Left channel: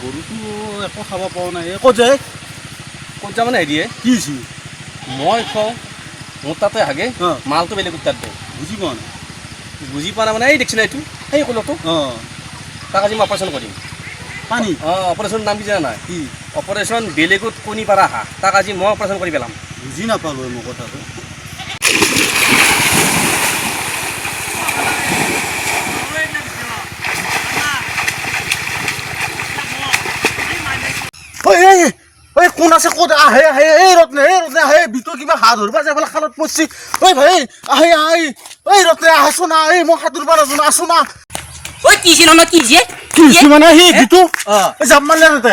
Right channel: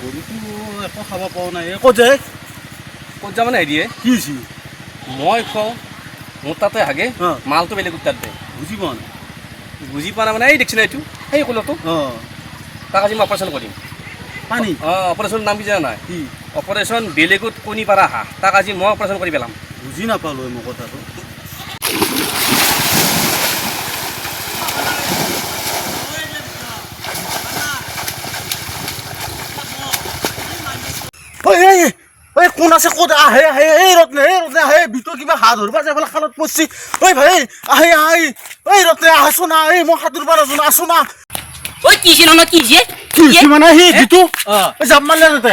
গৰুটো একো খাব পোৱা নাই ক'ত যায় মানে হেৰিয়ে কি হৈছে মই কওঁ মোৰ তাতে হাগে মালটো বেলেগত তাত দিয়ে বুজি পোৱা নাই বুজি পোৱা নাই মানে এই দেখিছোঁ এইটো সেই ক'লতো তাক আজি মই অপাৰেশ্যন কৰিম পানী অপাৰেশ্যনৰ নাম কি জানা নাই কি অপাৰেশ্যন বেলেগত কণী পাৰা হাঁহ তাক আজি মই অপাৰেশ্যন কৰি পেলাম বুজি নাপালোঁ মোৰ কথাটো কোন আছে ক'ত আহে আহে এই ৰত্নে আহে ভিতৰত কিবা হাত ধৰিব আছে এফালে খালত পৰছি ঐ ভাই আহে আহে এই ৰত্নে আছো না এই মই সাঁতুৰিব নাজানো আছো না ঐ কিছে ন কিছে কি মানে সি গীতো জাপ মাৰিলে তাতে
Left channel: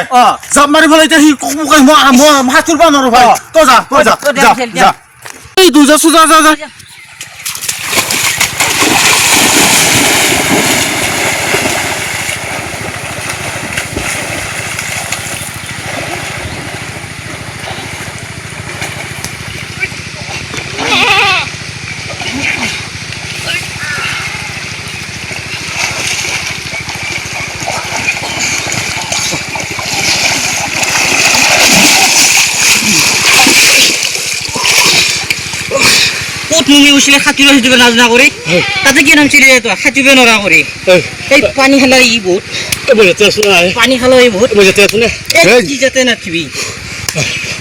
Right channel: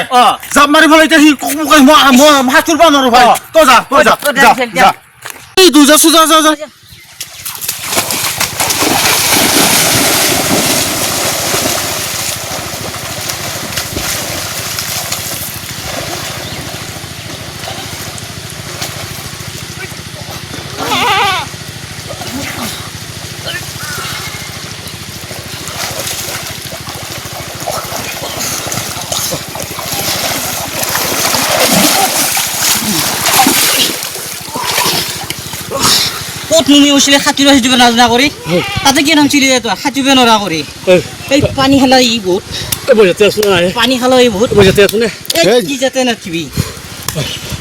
জাপ মাৰি পেলাই এতিয়া সি মই সাঁতুৰিব নোৱাৰো ভাই তই যা এই দুজা চুজা যা তুমি উঠলে সাঁতুৰিব সুধিব নাজনা কৰি তাতে কি নাম চিৰি সাঁতুৰিব নোৱাৰা কৰি এই পানী খালা ই বহুত পানী খালা ই বহুত কি যাতে নাথিবি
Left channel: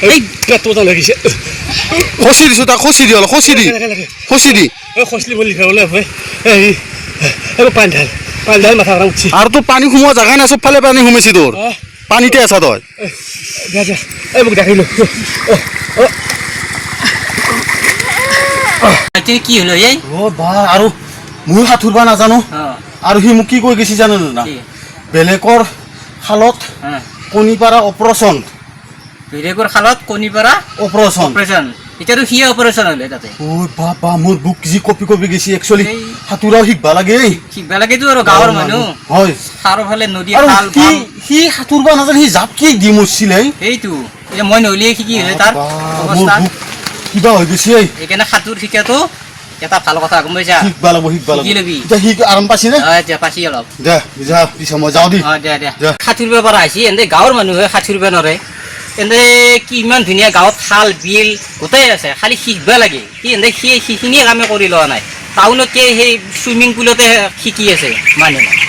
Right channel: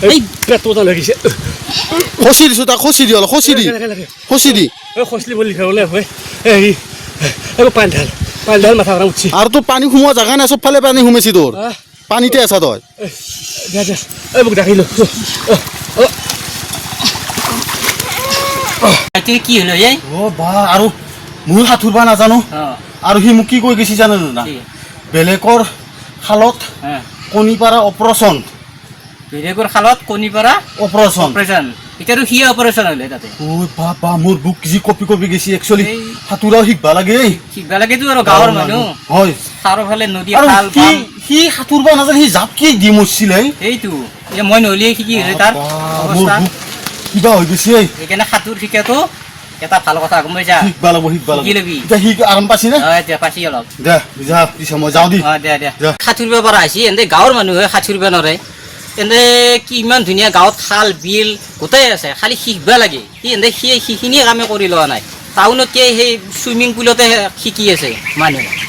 এই পেটটা লাগিছে খচি দিছো তাক খচি দি অলপ খচি দি খচলি বুলি হ'লে হয় পানী ঢাল মাথা উঠছি আৰু তোৰ পানী সোমোৱা জেগা নাই চবফালে পানী সোমাইছি তোৰ পানীতে আছা তই মোক দেখিলো কি হলো এই আৰু মই সাঁতুৰিব নাজানো আৰু সি মোক কি কৈ গৈছে জানো না বেলেগৰ খালত কণী পাৰা অপাৰেশ্যন বেলেগৰ খালত কণী পাৰা অপাৰেশ্যন এতিয়াতো সি অপাৰেশ্যন হ'লে তাতে বাবা মোৰ বুক যি কপি গৈছে একচুৱেলি সাঁতোৰাও শিকবা লাগেতো আৰু গাঁৱৰ মানুহ হয় চাৰিওফালে নদী খাল সি সাঁতুৰিব নাজানে সি জাপ কি দি মৰছিলে সেইটো মই নহ'লে কি হ'লে তাৰ মোৰ বুক কিবা হৈ গৈছে সেইকাৰণে সাঁতোৰ শিকাটো এটা ভাল কথা গম পাইছা শিকবা লাগব শিকি ল'বি সি আৰাম পাইছি নে এতিয়া পাইছি অলপ দে যা পিছে মই যাওঁ দি দে সাঁতুৰিব পৰা আহিছি এনে গাঁৱৰ মানুহে সাঁতুৰিব নোৱাৰে এনে কি ইমান ধুনীয়া গাঁৱত খাল বিল গোটাই আছে খালি শিকিব লাগে সি এনে সেইখিনিয়ে কামে কৰি লোৱা নাই টাউনত সেই চুইমিং পুলতে শিকি আছে মানুহে